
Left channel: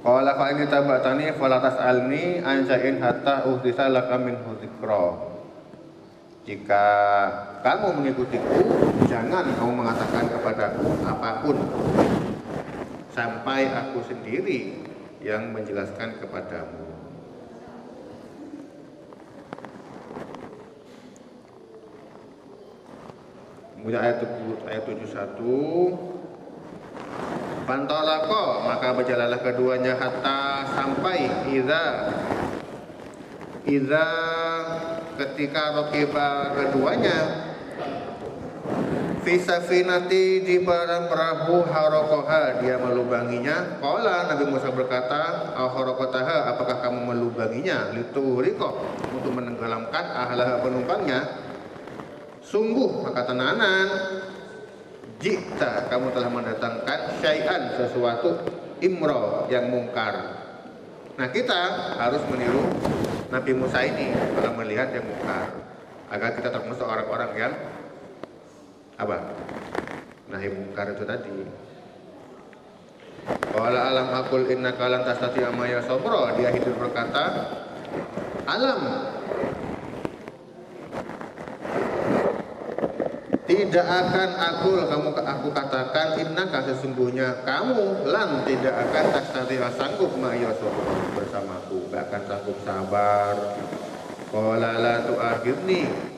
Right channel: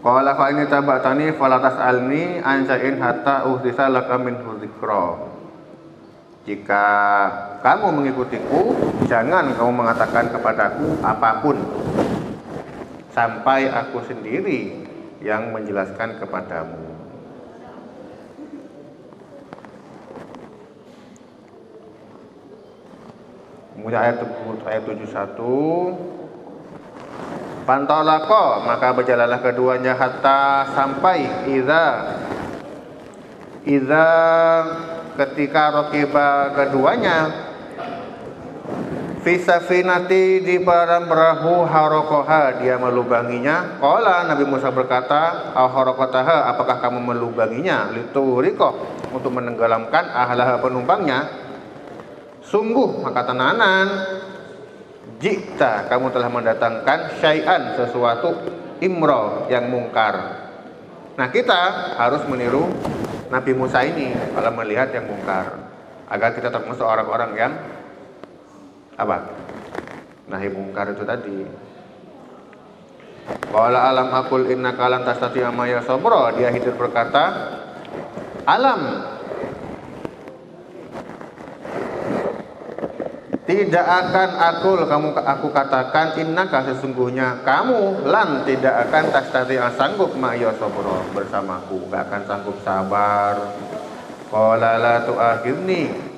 Qala fa ini tabatani fala tas'alni an syai'in hatta uhdisa laka minhu dzikra. Jika kamu mengikutiku, jangan kamu mengatakan kepadaku apapun sampai aku sendiri yang menjelaskan kepadamu. Kemudian ayat 71, Pantolako, maka berjalanlah keduanya hatta sampai Iza ketika rokiba keduanya Fisafinati di dalam perahu harokoha, dia melubanginya. Qala, Nabi Musa berkata, harokotaha, apakah kamu melubanginya? Lituriko, untuk menenggelamkan ahlah penumpangnya. Sungguh, maka tenanan, jika kamu telah mendatangkan syai'an, sesuatu imro yang mungkar. Nah, kita harus meniru Nabi Musa ini kalau melihat yang mungkar, agar kita termasuk orang-orang yang nahi mungkar itu tadi. Qala alam aqul innaka lan tastati'a ma'iya sabra, dia hidup berkata, alam, tidak akan aku katakan innaka, sesungguhnya kamu, lan tidak akan tastati'a sanggup ma'iya sabra, bersamaku, gak akan sanggup sabar. Qala la tu'akhirni,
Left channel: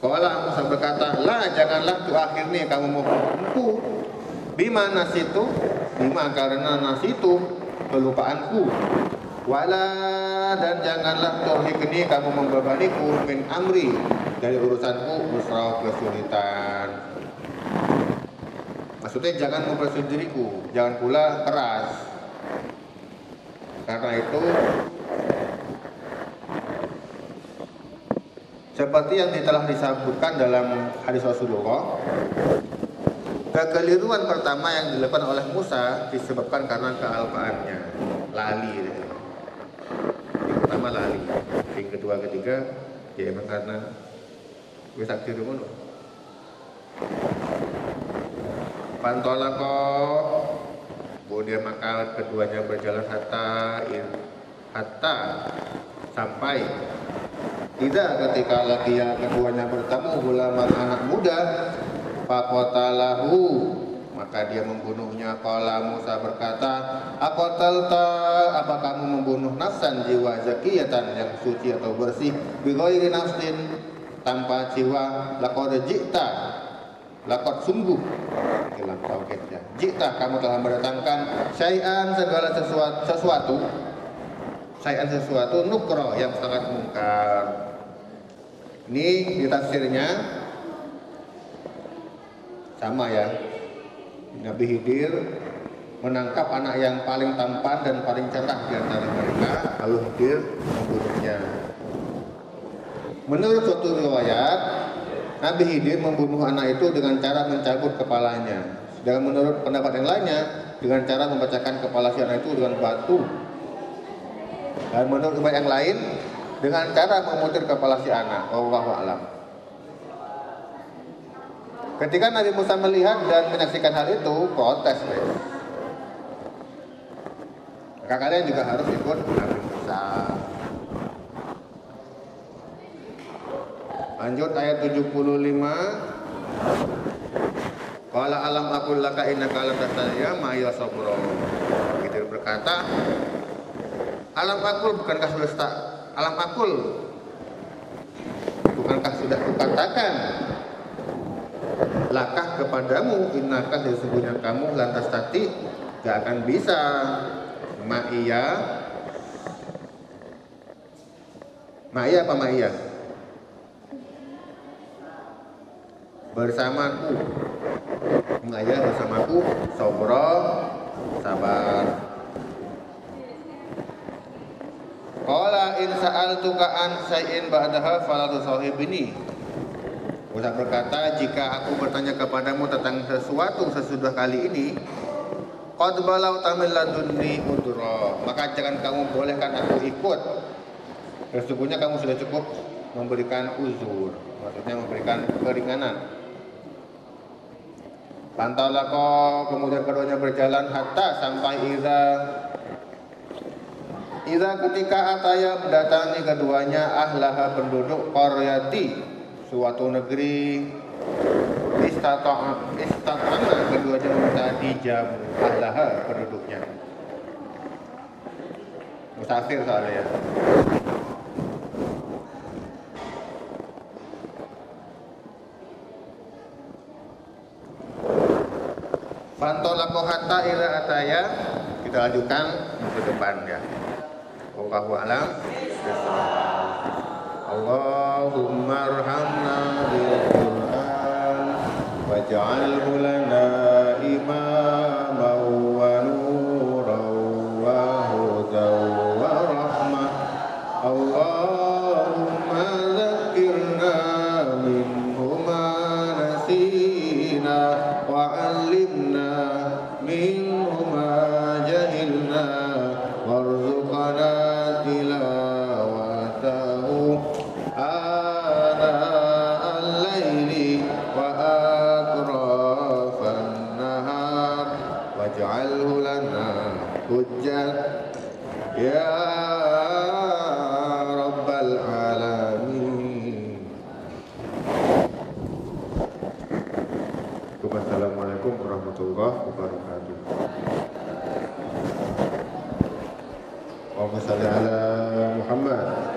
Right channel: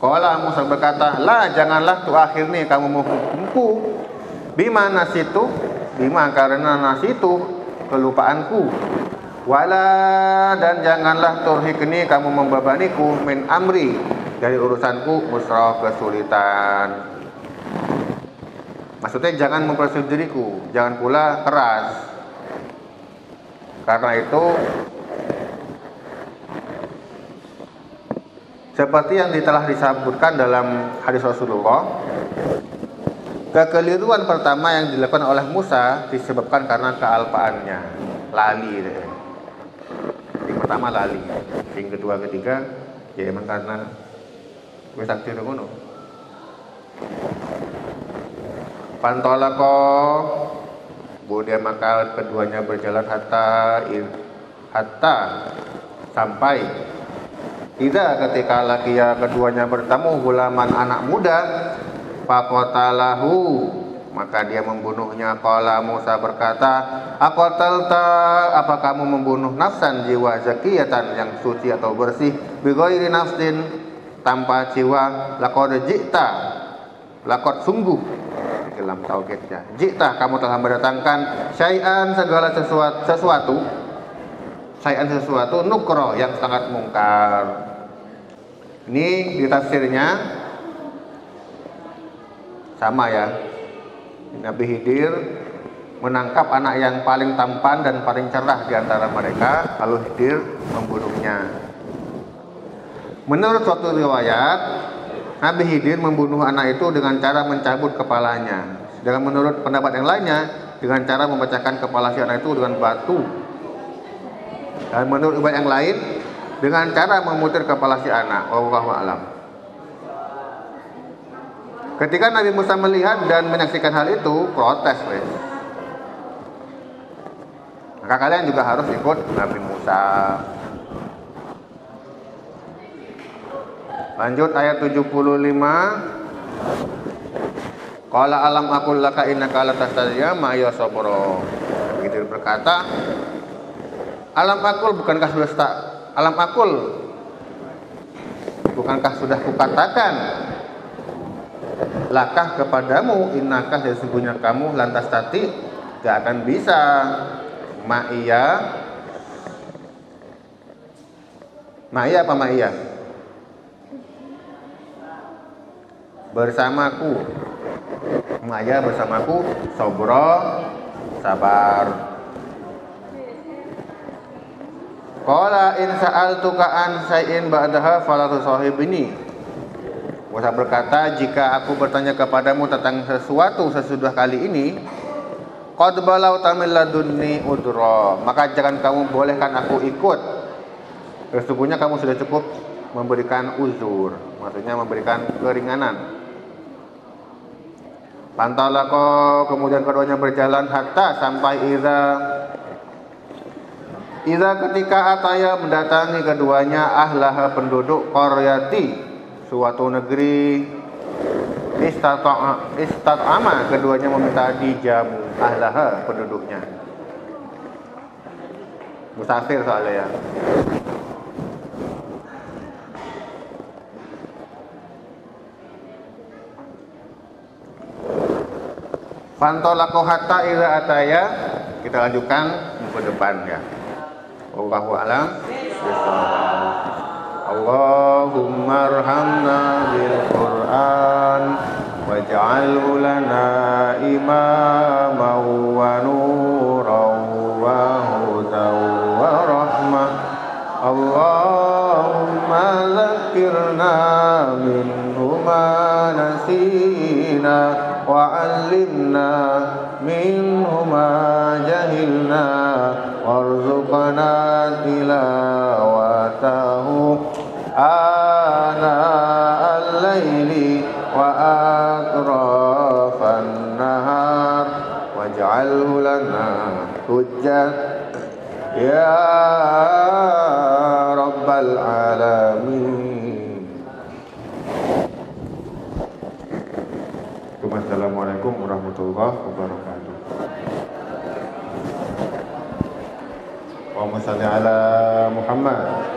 Qala Musa berkata, la, janganlah tu'akhirni, kamu menghukumku, bima nasitu, bima karena nasitu, kelupaanku, wala, dan janganlah turhikni, kamu membebaniku, min amri, dari urusanku, musra, kesulitan. Maksudnya jangan mempersulit diriku, jangan pula keras. Karena itu seperti yang telah disebutkan dalam hadis Rasulullah, kekeliruan pertama yang dilakukan oleh Musa disebabkan karena kealpaannya, lali. Yang pertama lali, yang kedua, ketiga, ya emang karena wisakti rumono. Pantolako, kemudian maka keduanya berjalan hatta sampai tidak ketika lakia keduanya bertemu gulaman anak muda, faqatalahu, maka dia membunuhnya. Qala Musa berkata, aqatalta, apa kamu membunuh nafsan, jiwa zakiyatan yang suci atau bersih, bighairi nafsin, tanpa jiwa, laqad ji'ta, laqad sungguh, di dalam tauhidnya, ji'ta, kamu telah mendatangkan syai'an, segala sesuatu, syai'an sesuatu, nukro, yang sangat mungkar. Ini di tafsirnya sama ya. Nabi Khidir menangkap anak yang paling tampan dan paling cerah di antara mereka, lalu Khidir membunuhnya. Menurut suatu riwayat, Nabi Khidir membunuh anak itu dengan cara mencabut kepalanya. Dan menurut pendapat yang lainnya, dengan cara memecahkan kepala si anak itu dengan batu. Dan menurut riwayat yang lain, dengan cara memutar kepala si anak. Wallahu a'lam. Ketika Nabi Musa melihat dan menyaksikan hal itu, protes, guys. Maka kalian juga harus ikut Nabi Musa. Lanjut ayat 75. Qala alam aqul laka innaka la tastati'a ma'iya sabra. Begitu berkata, alam aqul, bukankah sudah kukatakan lakah kepadamu, innaka, sesungguhnya kamu, lantas tati, gak akan bisa, ma'iya apa ma'iya? Bersamaku, ma'iya bersamaku, sobro, sabar. Qala in sa'altuka an syai'in ba'daha fala tusahibni. Musa berkata, jika aku bertanya kepadamu tentang sesuatu sesudah kali ini, qad balagta min ladunni udra, maka jangan kamu bolehkan aku ikut. Sesungguhnya kamu sudah cukup memberikan uzur, maksudnya memberikan keringanan. Pantalaqo, kemudian keduanya berjalan hatta sampai Iza ketika ataya mendatangi keduanya ahlaha penduduk qaryati, suatu negeri. Istat'ama, keduanya meminta dijamu ahlaha, penduduknya. Musafir soalnya ya. Fantolaqo hatta ila ataya, kita lanjutkan ke depannya. Wallahu a'lam. Allahumma arhamna bil Qur'an waj'alhu lana imaman wa nuran wa hudan wa rahmah. Allahumma zakkirna minhu ma nasina wa 'allimna minhu ma jahilna warzuqna tilawatahu ana al-laili wa atrafan nahar waj'alhu lana hujjat ya rabbal alamin. Wassalamualaikum warahmatullahi wabarakatuh. Allahumma shalli ala Muhammad.